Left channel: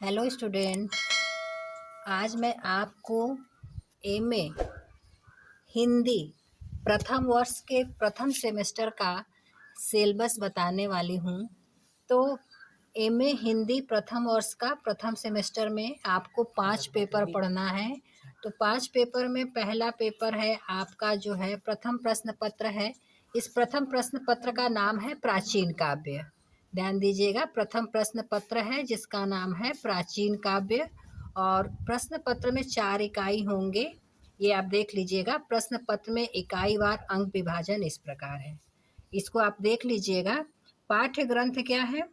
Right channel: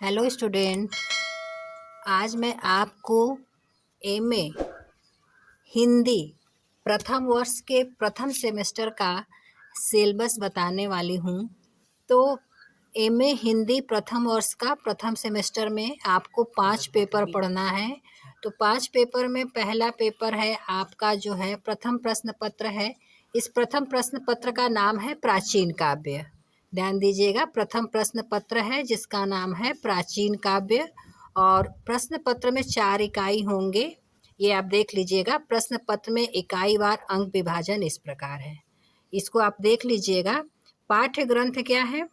Hello student. आज मैं आपको एमए हिंदी प्रथम वर्ष के प्रथम सेमेस्टर का सिलेबस बताने वाली हूँ। तो एमए हिंदी प्रथम वर्ष का प्रथम सेमेस्टर में आपको 5 पेपर पढ़ना है। तो 5 पेपर में पहला पेपर है आपका जो है प्रथम प्रश्न पत्र है। इस प्रथम प्रश्न पत्र का नाम है प्राचीन काव्य। ध्यान दीजिएगा, प्रथम प्रश्न पत्र है जिसका नाम है प्राचीन काव्य। और प्रश्न पत्र में 4 इकाई होंगे, ये आप देख लीजिएगा। प्रश्न पत्र में इकाई वार अंक विभाजन इस प्रकार है, इसको आप देख लीजिएगा। पाठ्य ग्रंथ क्या है?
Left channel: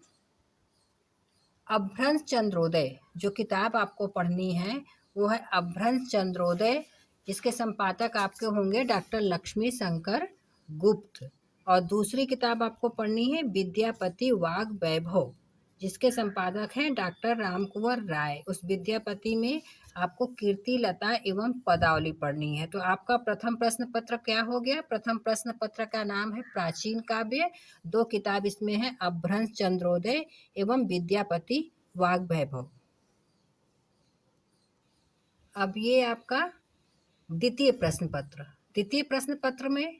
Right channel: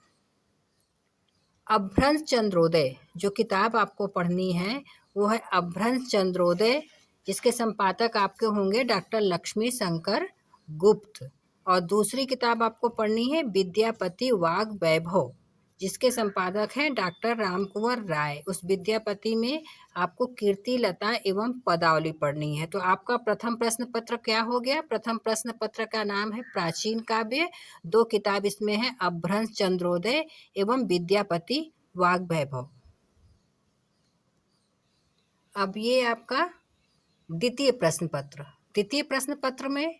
अभ्रंश चंद्रोदय। जो किताब आपको पढ़नी है वो है अभ्रंश चंद्रोदय, जिसके संपादक आपके होंगे डॉक्टर लक्ष्मी शंकर गुप्त। और दूसरी किताब आपको पढ़नी है विद्यापति वाग वैभव, जिसके संपादक हैं डॉक्टर रामकुंवर राय। उस विद्यापति में आपको कीर्ति लता एवं पदावली पढ़नी है। तो आपका प्रथम प्रश्न पत्र क्या हो गया? प्रथम प्रश्न पत्र का नाम है प्राचीन काव्य। 2 किताब इसमें है अभ्रंश चंद्रोदय एवं विद्यापति वाग वैभव। अब ये आपका द्वितीय प्रश्न पत्र। द्वितीय प्रश्न पत्र में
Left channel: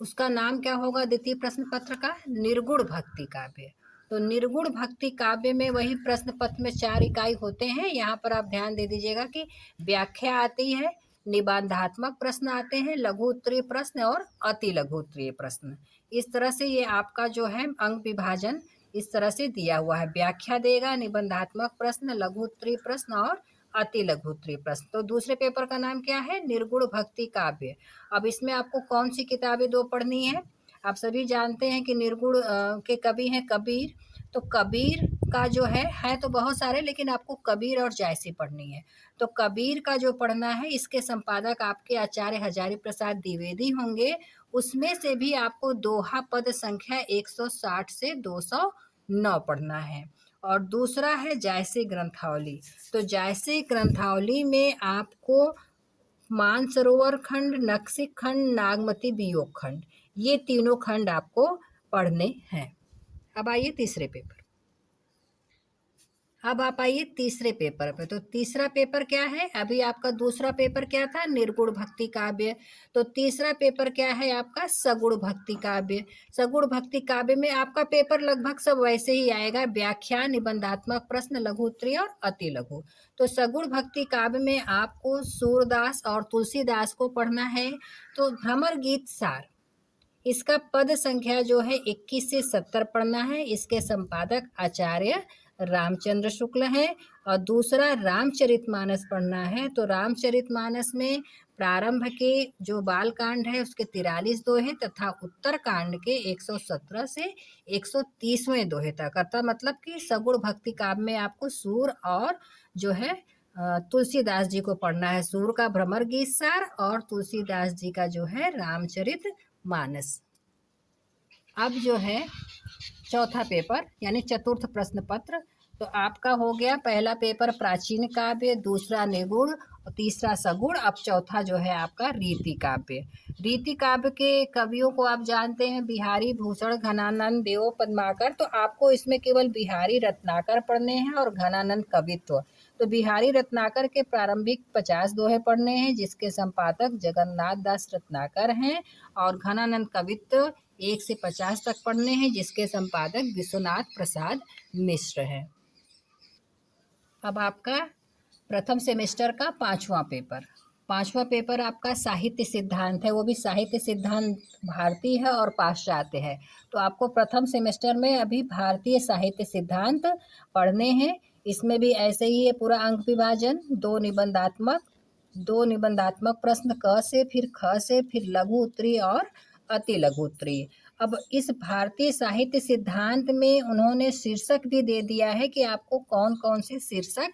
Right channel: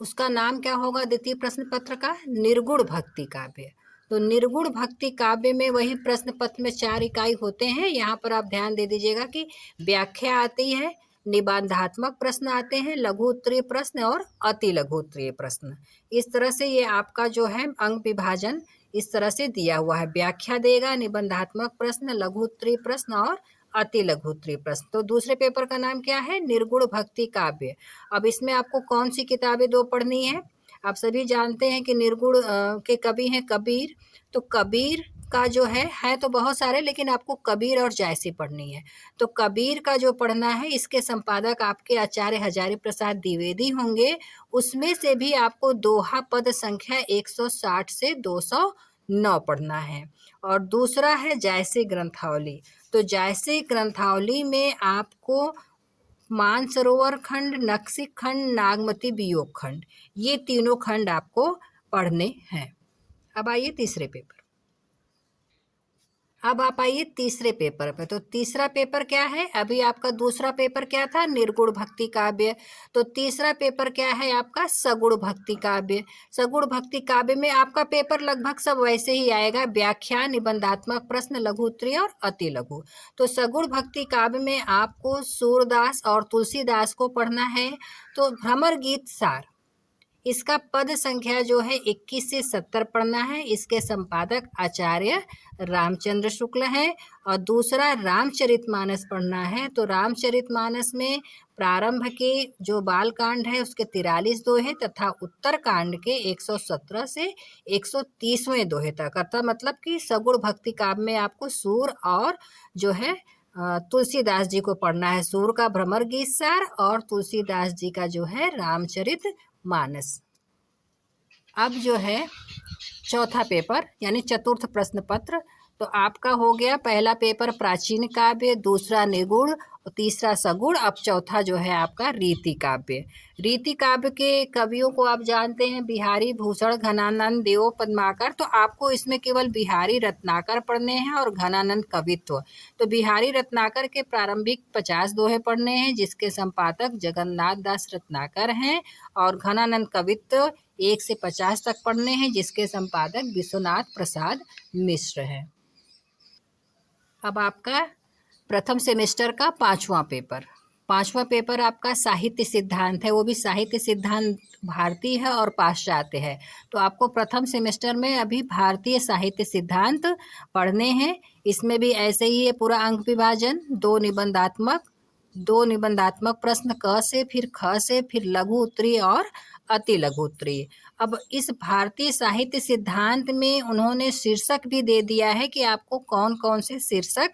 उसका नाम क्या होगा? द्वितीय प्रश्न पत्र का निर्गुण भक्ति काव्य। तो निर्गुण भक्ति काव्य में वही प्रश्न पत्र में 4 इकाई होते हैं। यहाँ पर आप ध्यान दे दीजिएगा कि व्याख्या आती है, निबंधात्मक प्रश्न आते हैं, लघु उत्तरीय प्रश्न और अति लघु उत्तरीय प्रश्न। इस तरह से ये आपका जो है अंक विभाजन इस तरह से दिया हुआ है। व्याख्या देगा, निबंधात्मक प्रश्न, लघु उत्तरीय प्रश्न और अति लघु उत्तरीय प्रश्न। तो दूसरे पेपर का नाम क्या है? निर्गुण भक्ति काव्य। अब इसमें आपको कौन सी किताबें 2 पढ़नी है? आप सभी जानते हैं कि निर्गुण के कवि हैं कबीर। तो कबीर का जो है तो बहुत सारे, लेकिन आपको कबीर और जायसी पढ़नी है। तो कबीर का जो पढ़ना है, इसके संपादक आपके आचार्य हजारी प्रसाद द्विवेदी होंगे। उसमें से भी आपको दोहा पद संख्या 160 से 209 पढ़ना है। और दूसरा है जायसी ग्रंथावली। तो जायसी ग्रंथावली में आपको मानसरोवर खंड, नक्सिक खंड, नागमती वियोग खंड, ये तीनों खंड आपको पढ़ने हैं। अब आइए तीसरे पेपर। अब आप आइए तीसरे पेपर पे। तो तीसरा पेपर क्या है? अभी आपका दूसरा पेपर क्या था? निर्गुण भक्ति काव्य। तो तीसरा पेपर क्या है आपका? सगुण भक्ति काव्य। सगुण भक्ति काव्य में आपका पेपर लगभग सब वैसे ही आएगा, व्याख्या, निबंधात्मक प्रश्न, लघु उत्तरीय और अति लघु। तो सगुण भक्ति काव्य में आपको सूरदास और तुलसीदास को पढ़ना है। तो भ्रमर गीत सार, इसका पद संख्या जो है 21 से 70 पढ़ना है। इसके संपादक आचार्य रामचंद्र शुक्ल हैं। और दूसरा रामचरितमानस पढ़ना है। तो रामचरितमानस में प्रारंभ के जो बालकांड है उसके 43 दोहे तथा उत्तर कांड के 117 से 130वें दोहे तक। अर्थात मतलब कि सगुण भक्ति काव्य में आपको सूर और जो है तुलसीदास जी को पढ़ना है। सूर का भ्रमर गीत सार और तुलसीदास जी का जो है रामचरित मानस। अब जो है चौथा पेपर यानी चतुर्थ प्रश्न पत्र। तो आपका हो गया पहला पेपर प्राचीन काव्य, दूसरा निगुण, तीसरा सगुण। अब चौथा जो है आपका रीति काव्य। रीति काव्य के कवियों को आप जानते हैं बिहारी भूषण, घनानंद, देव पद्माकर। तो आपको इसमें केवल बिहारी रत्नाकर पढ़ने हैं और घनानंद कवित्व। तो बिहारी रत्नाकर के प्रारंभिक 50 दोहे पढ़ने हैं, जिसके संपादक जगन्नाथ दास रत्नाकर हैं। और घनानंद कवित्व 1 से 50 तक पढ़ने हैं, जिसके संपादक विश्वनाथ प्रसाद मिश्र हैं। अब आपका प्रथम सेमेस्टर का 5वां पेपर। 5वां पेपर आपका साहित्य सिद्धांत है। वो भी साहित्य सिद्धांत भारतीय है और पाश्चात्य है। तो आपको प्रथम सेमेस्टर में अभी भारतीय साहित्य सिद्धांत पढ़ने हैं। इसमें भी ऐसे ही है पूरा अंक विभाजन। 2 निबंधात्मक प्रश्न क से, फिर ख से, फिर लघु उत्तरीय और अति लघु उत्तरीय। अब इस भारतीय साहित्य सिद्धांत में उन्होंने शीर्षक भी दे दिया है कि आपको कौन कौन से शीर्षक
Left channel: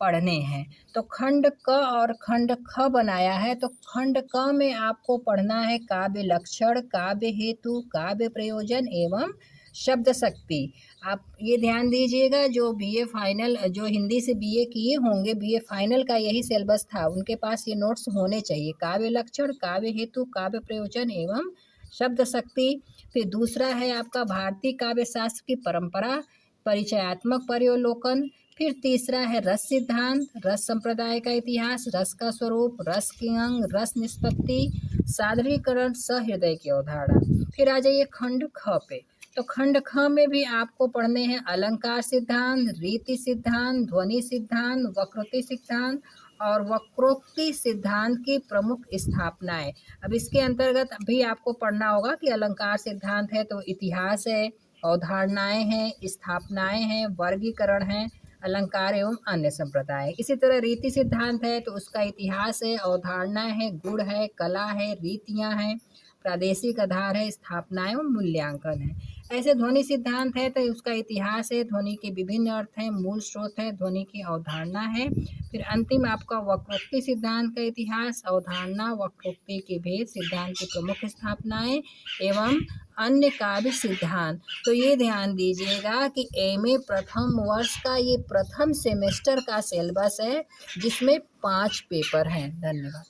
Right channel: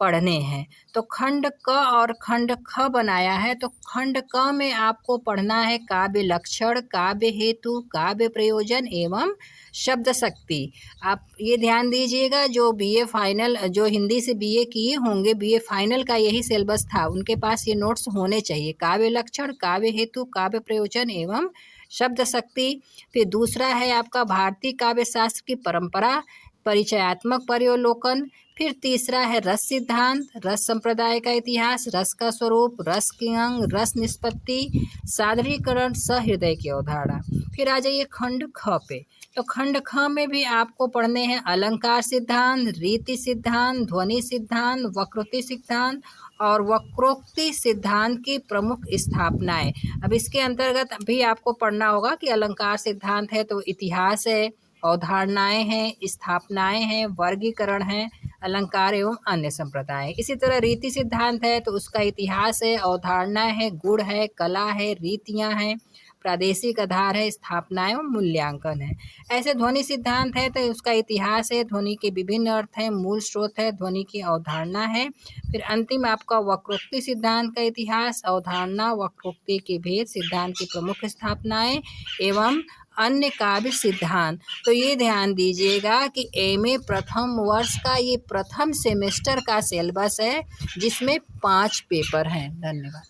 पढ़ने हैं। तो खंड क और खंड ख बनाया है। तो खंड क में आपको पढ़ना है काव्य लक्षण, काव्य हेतु, काव्य प्रयोजन एवं शब्द शक्ति। आप ये ध्यान दीजिएगा, जो बीए फाइनल, जो हिंदी से बीए किए होंगे, बीए फाइनल का यही सिलेबस था, उनके पास ये नोट्स होने चाहिए। काव्य लक्षण, काव्य हेतु, काव्य प्रयोजन एवं शब्द शक्ति। फिर दूसरा है आपका भारतीय काव्य शास्त्र की परंपरा। परिचयात्मक पर्यावलोकन। फिर तीसरा है रस सिद्धांत, रस संप्रदाय का इतिहास, रस का स्वरूप, रस के अंग, रस निष्पत्ति, सादरीकरण, सहृदय की अवधारणा। फिर आ जाइए खंड ख पे। तो खंड ख में भी आपको पढ़ने हैं अलंकार सिद्धांत, रीति सिद्धांत, ध्वनि सिद्धांत, वक्रोक्ति सिद्धांत और वक्रोक्ति सिद्धांत की प्रमुख स्थापनाएं। अब इसके अंतर्गत भी आपको पढ़ना होगा कि अलंकार सिद्धांत है तो इतिहास है, अवधारणाएं हैं, स्थापनाएं हैं, वर्गीकरण है, अलंकार एवं अन्य संप्रदाय। इसी तरह रीति सिद्धांत है तो उसका इतिहास है, अवधारणाएं है, गुण है, कला है, रीतियां हैं, प्रादेशिक आधार है, स्थापना एवं मूल्यांकन है। ऐसे ध्वनि सिद्धांत है तो उसका इतिहास है, ध्वनि के विभिन्न अर्थ हैं, मूल स्रोत है, ध्वनि की अवधारणा है। फिर अंतिम आपका वक्रोक्ति सिद्धांत का इतिहास, अवधारणा, वक्रोक्ति के भेद, सिद्धांत की प्रमुख स्थापनाएं एवं अन्य काव्य सिद्धांत। तो ये ध्यान दीजिएगा कि एमए प्रथम वर्ष का ये प्रथम सेमेस्टर का सिलेबस है जिसमें 5 पेपर हैं। धन्यवाद।